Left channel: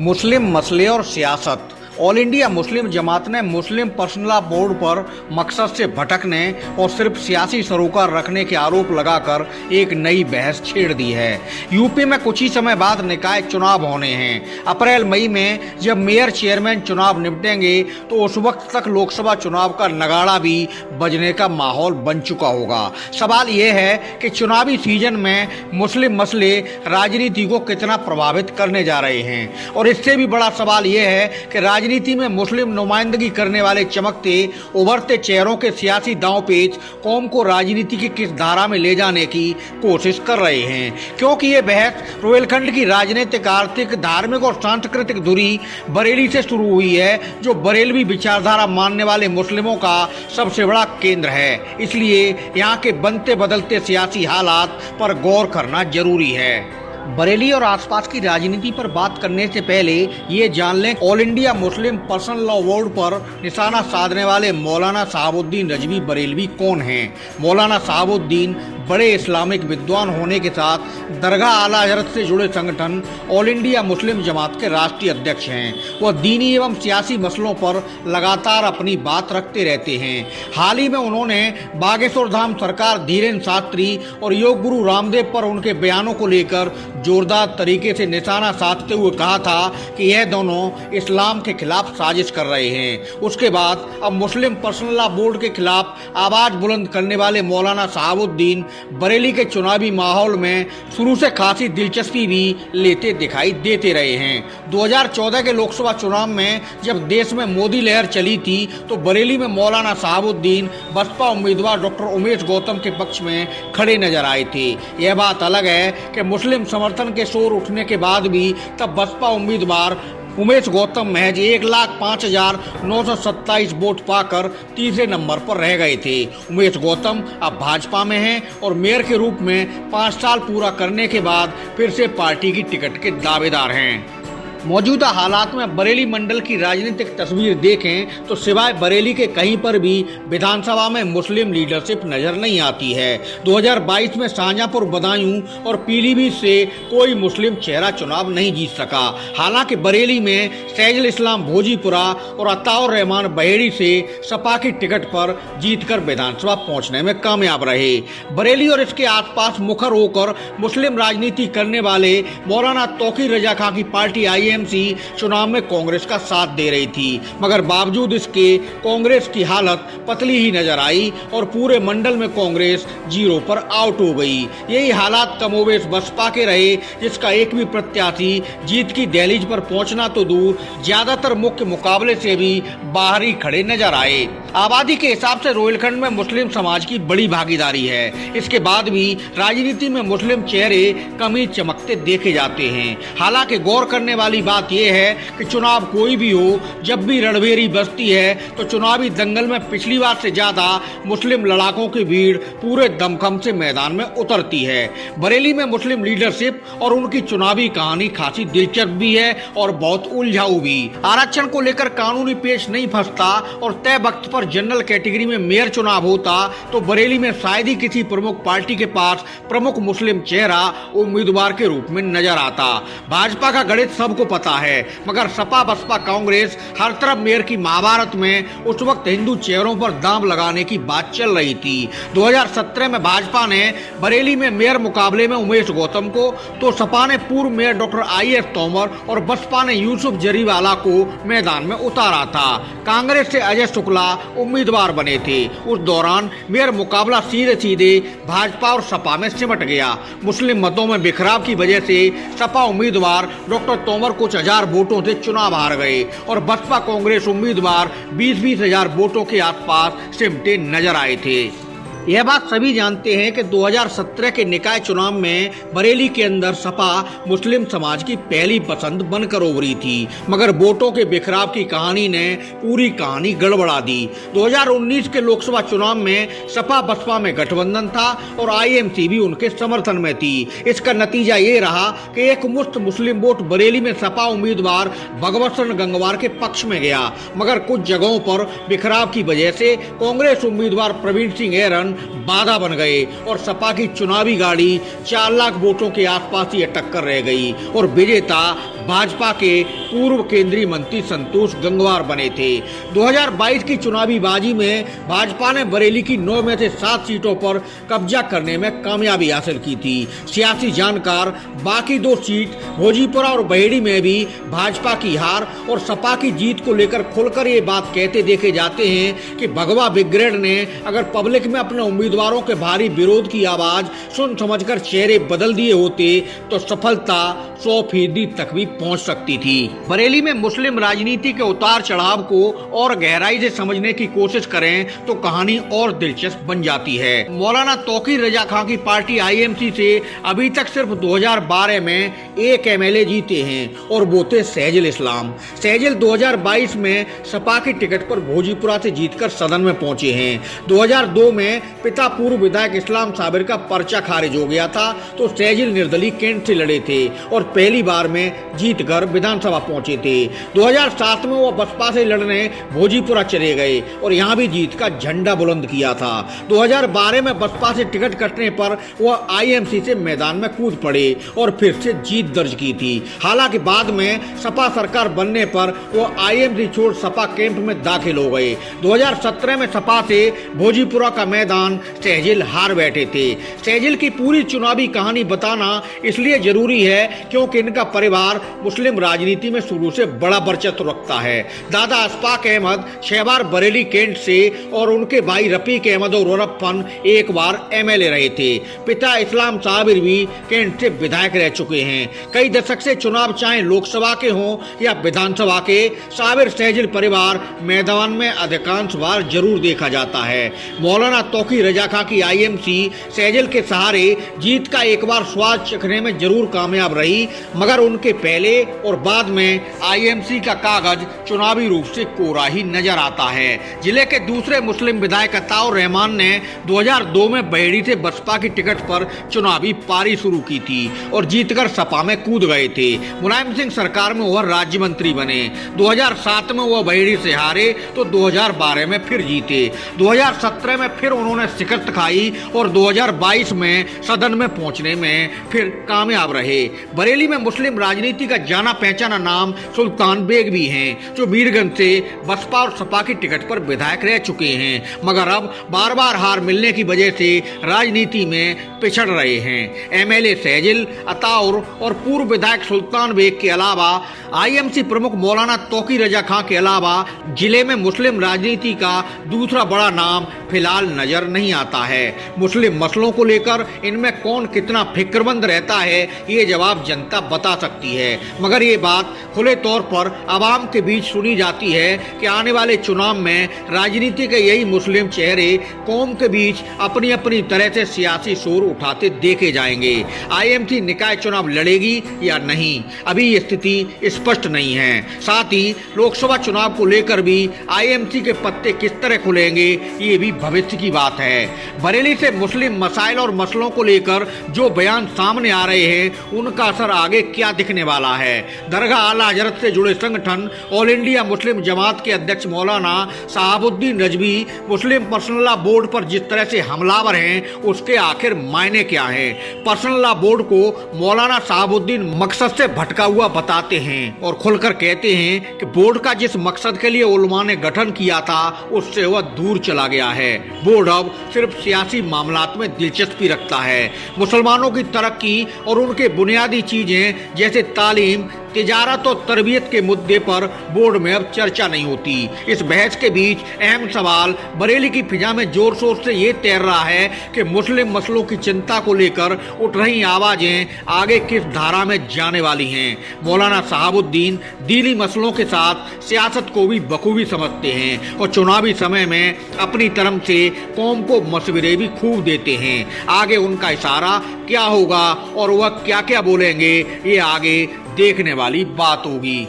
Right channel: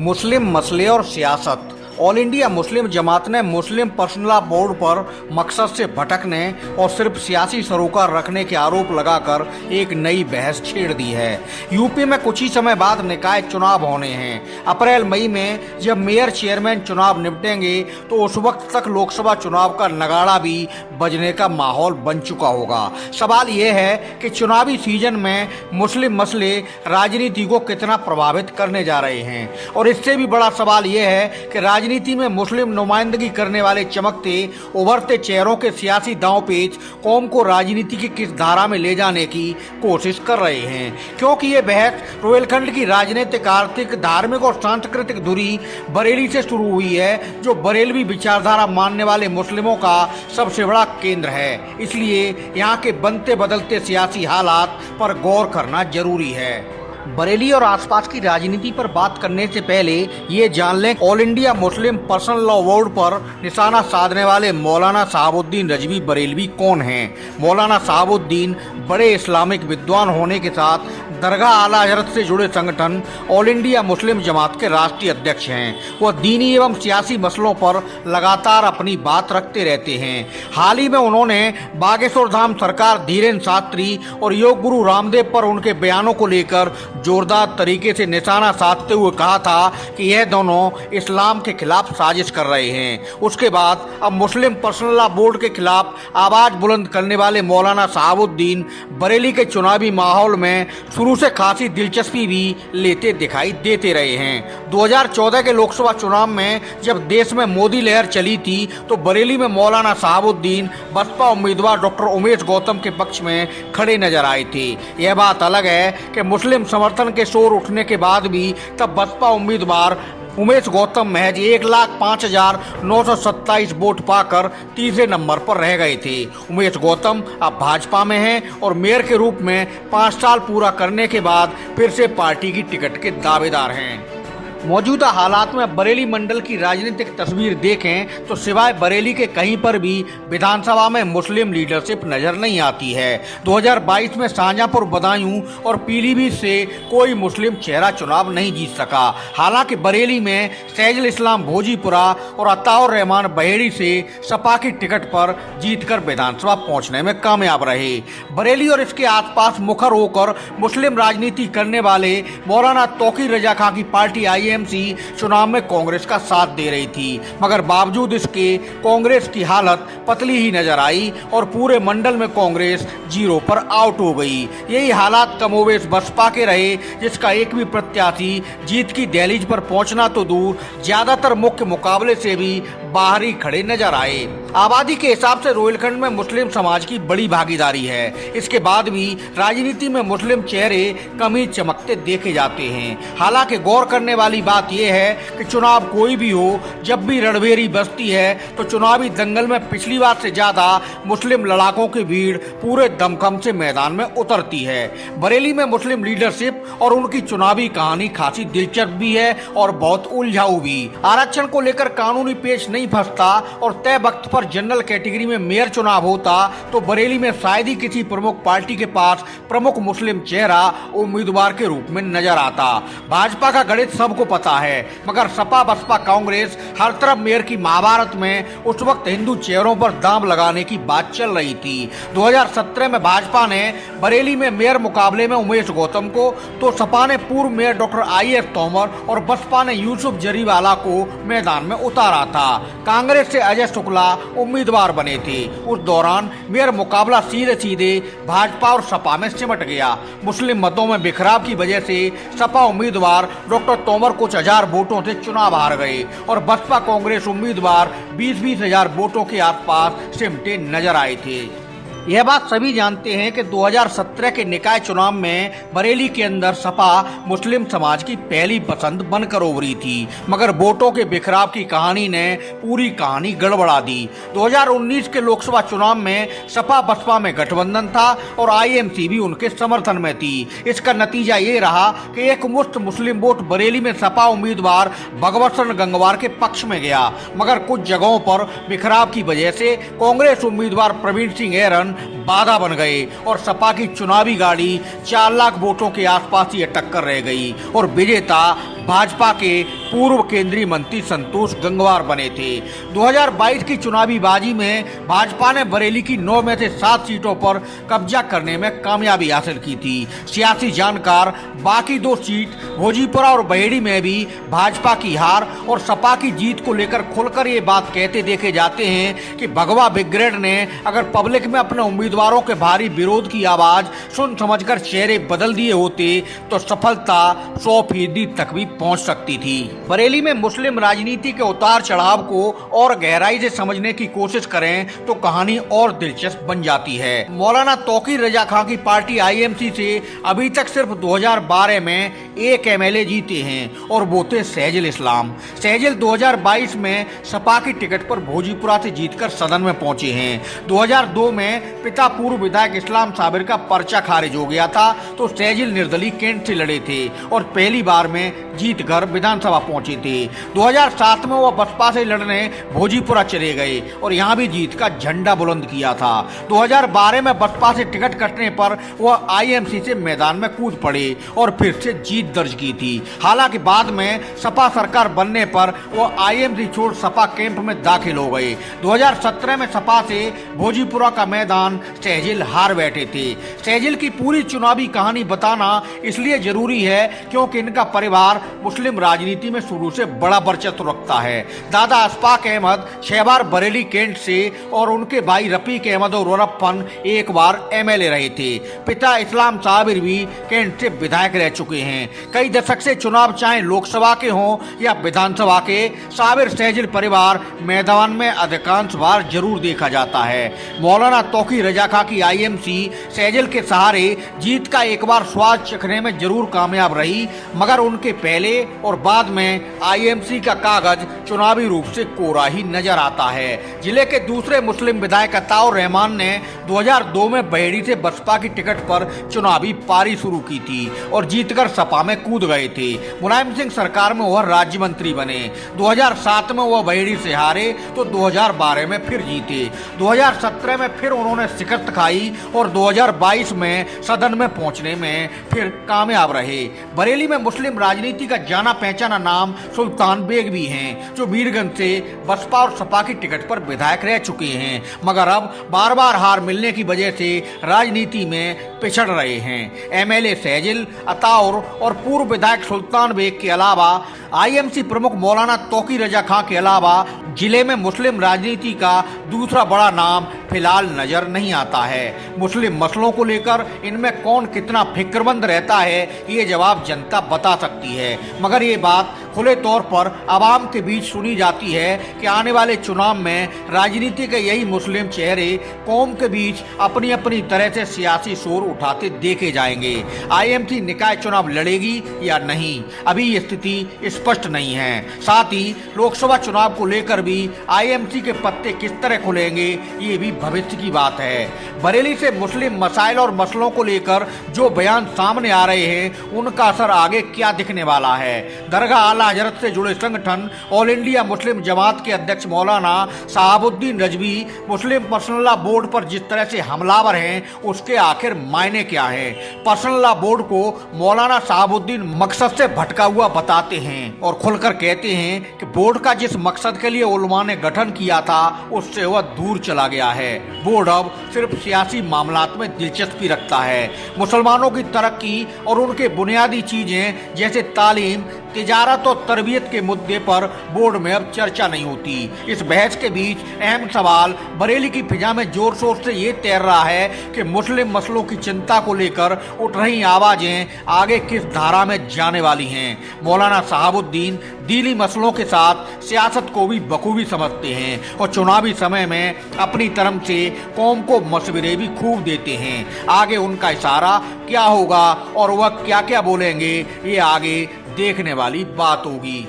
मुस्लिम मसले और सियासत। ऑल इंडिया मुस्लिम जमात ने मुस्लिम पर्सनल लॉ बोर्ड पर मकसद से भटकने और सिर्फ सियासी सरोकार रखने के आरोप लगाकर एक नई बहस छेड़ दी है। यूपी में कुछ ही समय बाद निकाय चुनाव होने हैं। अप्रैल मई में जब मेयर चेयरमैन चुनाव निपटेंगे तो उस वक्त तक लोकसभा चुनाव का नगाड़ा भी बजने का माहौल बन चुका होगा। सवाल यह है कि चुनावी सीजन में मुस्लिम मसले राजनीति को कितना प्रभावित करने जा रहे हैं, और इससे भी बड़ा सवाल यह है कि राजनीति में मुस्लिम नुमाइंदगी करने वाले चमकते उभरते चेहरों के सियासी दांवपेच कौम को राजनीति की किस धारा में ले जाने की कोशिश कर रहे हैं, क्योंकि ये बहस रोहिलखंड की राजनीतिक, आर्थिक, धार्मिक और सांस्कृतिक धुरी बरेली से शुरू हुई है, जो बरेलवी विचारधारा मानने वाले मुस्लिमों का सबसे बड़ा केंद्र है। इसलिए यहाँ के बनते बदलते सियासी हालात पर गौर करना जरूरी है। बरेली और आसपास की राजनीति पर बात करने से पहले ये जान लें, all India Muslim personal law board पर निशाना साधने वाले मौलाना शहाबुद्दीन रजवी बरेलवी कौन हैं। मौलाना शहाबुद्दीन बड़े इस्लामिक विद्वान होने के साथ दरगाह आला हजरत से जुड़े संगठन ऑल इंडिया मुस्लिम जमात के राष्ट्रीय अध्यक्ष हैं। वह दीनी एवं सियासी मसलों पर लगातार अपनी बात रखते रहते हैं। हाल ही में उन्होंने बागेश्वर धाम सरकार धीरेन्द्र शास्त्री और योग गुरु रामदेव पर उनके बयानों को लेकर जोरदार तरीके से निशाना साधते हुए कहा था कि यह दोनों इस्लाम के खिलाफ साजिश कर रहे हैं। उसके बाद अब मुस्लिम पर्सनल लॉ बोर्ड के खिलाफ आवाज बुलंद करने वाले मौलाना शहाबुद्दीन बरेली के चुनावी माहौल में शुरू से खासी दिलचस्पी भी लेते दिखाई देते रहे हैं। 2014 के लोकसभा चुनाव में जब देश में मोदी लहर चली थी तो बरेली में मौलाना शहाबुद्दीन बसपा उम्मीदवार डॉक्टर उमेश गौतम के पक्ष में खड़े नजर आए थे। यह बात अलग है कि मुस्लिम समर्थन के शोर उठने के बाद भी तब बसपा उम्मीदवार उमेश गौतम महज 1,05,927 वोट पाकर तीसरे नंबर पर रह गए थे। उमेश गौतम अब भाजपा में हैं और मेयर के रूप में 5 साल पूरा करने के बाद फिर से पार्टी की टिकट के दावेदार हैं। मौजूदा हालात में बरेली मंडल की राजनीतिक तस्वीर देखें तो सिवाय बरेली के कहीं पर भी विधानसभा में मुस्लिम लीडरशिप नजर नहीं आती है। 2022 में शाहजहांपुर, बदायूं और पीलीभीत से कोई मुस्लिम चेहरा चुनाव नहीं जीत सका। हालांकि बरेली में सैजुल इस्लाम भोजीपुरा और अताउर रहमान बहेड़ी से सपा की टिकट पर जीतकर विधानसभा पहुंचने में कामयाब रहे। बरेली और इसके आसपास मुखर होकर मुस्लिम राजनीति करने वाले मौलाना तौकीर रजा खां की पार्टी आईएमसी चुनाव में कांग्रेस का साथ दे रही थी, मगर बावजूद इसके कांग्रेस की हालत पतली ही नजर आई और पूरे मंडल में कांग्रेस 0 पर आउट हो गई। यही हालात कमोवेश बसपा के रहे, जिसका एक भी प्रत्याशी जीत की दहलीज पर पहुंचना तो दूर, ज्यादातर मुख्य मुकाबले से भी बाहर ही खड़े नजर आए। आबादी के हिसाब से रोहिलखंड में मुस्लिम समाज की बड़ी भागीदारी है। इसके बाद भी राजनीति में मुस्लिम चेहरे कम ही चमकते देखे जाते हैं। हालांकि गौर करने वाली बात यह है कि चुनाव कोई भी हो, जब भी रणभेरी बजती है तो चुनावी दंगल में पिछली बार से ज्यादा मुस्लिम लड़ाकों की भीड़ पूरे दमखम से मैदान में उतरती है। बरेली में मुस्लिम लीडरशिप और उनकी चुनावी कहानी खासी दिलचस्प भी है और बहुत उलझाऊ भी। आरक्षण को लेकर कानूनी पेश नहीं फंसता और तय वक्त पर जनरल कैटेगरी में मेयर चुनाव होता तो बरेली में शायद ही किसी प्रमुख पार्टी के पास प्रमुख मुस्लिम चेहरा उम्मीदवार के रूप में नजर आता। भाजपा का गणित सबको पता है, मगर सपा बसपा कांग्रेस हर तरफ मेयर की महाभारत में उस वक्त हिंदू चेहरों पर दांव लगाने की बात चल रही थी। 2017 में भाजपा ने बरेली में मेयर मुकाबले में उमेश गौतम को, तो सपा ने पूर्व मेयर डॉक्टर IS तोमर और बसपा ने यूसुफ जरीवाला को मैदान में उतारा था। कांग्रेस से अजय शुक्ला उम्मीदवार बने थे। उस दौरान मेयर मुकाबला सीधे सीधे भाजपा और सपा में सिमट गया। मुस्लिम मतों में बिखराव की वजह से सपा उम्मीदवार डॉक्टर तोमर कुछ हजार वोटों से चुनाव हार गए और बसपा कांग्रेस उम्मीदवार 20-20 हजार वोटों के आसपास सिमटे नजर आए थे। यह बात सभी जानते हैं कि 2017 के निकाय चुनाव में बरेली के अंदर सपा मुस्लिम समाज की पहली पसंद बनकर उभरी थी, मगर वोटों के बिखराव की कहानी ने पूरी कहानी गड़बड़ा दी। 2019 के लोकसभा चुनाव में सपा बसपा में गठबंधन था और आईएमसी भी उनके समर्थन में थी। इसका नतीजा ये रहा कि एक मुश्त मुस्लिम वोट बरेली में सपा उम्मीदवार भगवत शरण गंगवार के पक्ष में गया, मगर कुछ जगहों पर बिखराव की वजह से कांग्रेस उम्मीदवार प्रवीण सिंह ऐरन बाधा बन गए और सपा की चुनावी गाड़ी 4 लाख वोटों के आसपास ही अटक कर रह गई और विजेता भाजपा के पूर्व केंद्रीय मंत्री संतोष गंगवार बने थे। 2022 की चुनावी बाजी में भाजपा ने बरेली की 9 में से 7 सीटों पर कब्जा करने में कामयाबी हासिल की थी। सियासी जानकार बाकी 2 सीट भोजीपुरा और बहेड़ी में भी भाजपा की हार और सपा की जीत को लेकर खुलकर ये बात कहते देखे जाते हैं कि भगवा ब्रिगेड ने अगर पब्लिक में अपने उम्मीदवारों के भारी विरोध की आवाज सुन समझकर चेहरे बदल दिए होते तो सफलता 100% तक भी पहुंच सकती थी। बरेली में मुस्लिम राजनीति के उतार चढ़ाव को और गहराई से समझने की कोशिश करें तो कहानी और दिलचस्प बन जाती है। मौलाना तौकीर रजा खां की पार्टी आईएमसी से अभी तक सिर्फ 2012 में 1 एमएलए जीते हैं और वो थे सहजिल इस्लाम। सहजिल 2022 में सपा की टिकट पर भोजीपुरा से जीतकर सदन में पहुंचे हैं। 2002 में पिता पूर्व विधायक इस्लाम साबिर का पर्चा खारिज हो गया था तो सहजिल निर्दलीय कैंट से लड़े थे और पहली बार में जीतकर विधानसभा पहुंचे थे। 2007 में वो बसपा से लड़ने भोजीपुरा चले गए और यहाँ भी जीत का झंडा बुलंद किया था। 2012 में बसपा से टिकट कटने पर वह आईएमसी से मैदान में कूद पड़े और फिर से जीत दर्ज की थी। हालांकि बाद में सपा सरकार बनने पर वो आईएमसी छोड़ सपा कैंप में दाखिल हो गए। 2017 में सपा से भोजीपुरा का मैदान सहजिल हार बैठे थे। सहजिल की पूरी चुनावी कहानी बताना इसलिए जरूरी है क्योंकि इनका परिवार मुस्लिम राजनीति में शुरू से बड़ा वर्चस्व रखता है। दादा अशफाक अहमद 6 बार बरेली कैंट से और उनके भाई रफीक अहमद और रफन 1 बार एमएलए रहे थे। पिता इस्लाम साबिर भी कैंट से विधायक रह चुके हैं। कई दशक से चुनाव चाहे लोकसभा के हों या विधानसभा के, साबिर सहजिल परिवार मैदान में अधिकांश बार जरूर देखा जाता है। मौलाना तौकीर रजा खां की आईएमसी सहजिल के सहारे जीत का एक बार स्वाद चखने में जरूर कामयाब रही, मगर उनके पहले और बाद में आईएमसी का कागज चुनावी रूप से कोरा ही नजर आता है। जिले के दूसरे मुस्लिम विधायक अताउर रहमान ने 2002 में बहेड़ी से बसपा की टिकट पर चुनावी पारी शुरू की थी और जीतकर सपा में कूद गए थे। मुलायम सिंह सरकार में वह राज्य मंत्री बने। 2007 में वह बहेड़ी से हारे तो 2012 में फिर जीते। 2017 में फिर उन्होंने शिकस्त खाई और 2022 में सदन में पहुंचने में फिर कामयाब रहे। बरेली में मुस्लिम राजनीति का जाना पहचाना नाम सुल्तान बेग भी हैं, जो मीरगंज से बसपा और सपा की टिकट पर विधायक रह चुके हैं, मगर अब बार बार हार मिलने की वजह से राजनीति में पिछड़ रहे हैं। एमएलए सहजिल, अताउर और पूर्व विधायक सुल्तान बेग के अलावा आईएमसी प्रमुख मौलाना तौकीर रजा खां के अलावा जिले में मुस्लिम राजनीति का दूसरा बड़ा नाम फिलहाल नजर नहीं आता है। मुस्लिम मसलों को लेकर इनमें कौन कितना फिक्रमंद रहता है ये जवाब जनता बता सकती है, मगर ये बात खुले तौर पर आवाम के बीच सुनी जाती है कि आने वाले चुनाव में राजनीति के यही मुस्लिम चेहरे कौम के बीच अपनी अपनी तरह से सियासी शोर उठाते देखे जाएंगे। आईएमसी निकाय चुनाव लड़ेगी या नहीं, अभी ये स्थिति स्पष्ट नहीं है। साथ ही लोकसभा चुनाव को लेकर भी आईएमसी के पत्ते किस तरह खुलेंगे ये भी भविष्य की बात है। बरेली से मुस्लिम मसाइल और मसलों को लेकर जो बयान सामने आ रहे हैं उनका असर आगे क्या दिखने वाला है। दरगाह आला हजरत से जुड़े संगठन ऑल इंडिया मुस्लिम जमात के अध्यक्ष मौलाना शहाबुद्दीन रजवी मुस्लिम पर्सनल लॉ बोर्ड पर जिस तरह से हमलावर हैं उसके आखिर मायने क्या है। पर्सनल लॉ बोर्ड को मौलाना शहाबुद्दीन मकसद से भटका हुआ बताते हैं और खुलकर कहते हैं कि बोर्ड का जिस मकसद के लिए उलमा ने गठन किया था उससे वह दूर चला गया है। बोर्ड अब सिर्फ सियासी मामलात में दिलचस्पी रखता है। मुसलमानों की तरक्की और उनके बुनियादी चीजें जैसे तालीम, तिजारत और तरबियत के मुद्दे पर बोर्ड में अब चर्चा नहीं होती। इस बहस के बीच अहम सवाल बरेली की फिजा में जोर शोर से ये तैर रहा है कि मुस्लिम मसलों की चिंता को लेकर उठ रही आवाजें आगे किस धारा में जाने वाली हैं। मौलाना शहाबुद्दीन दीनी मसलों के साथ सियासत को भी बखूबी समझते हैं और चुनावी समय में अपनी तरफ से कौम को मशवरे भी खूब देते हैं। आगे उनका इशारा क्या होगा और वह क्या क्या बोलेंगे ये आगे देखने वाली बात होगी।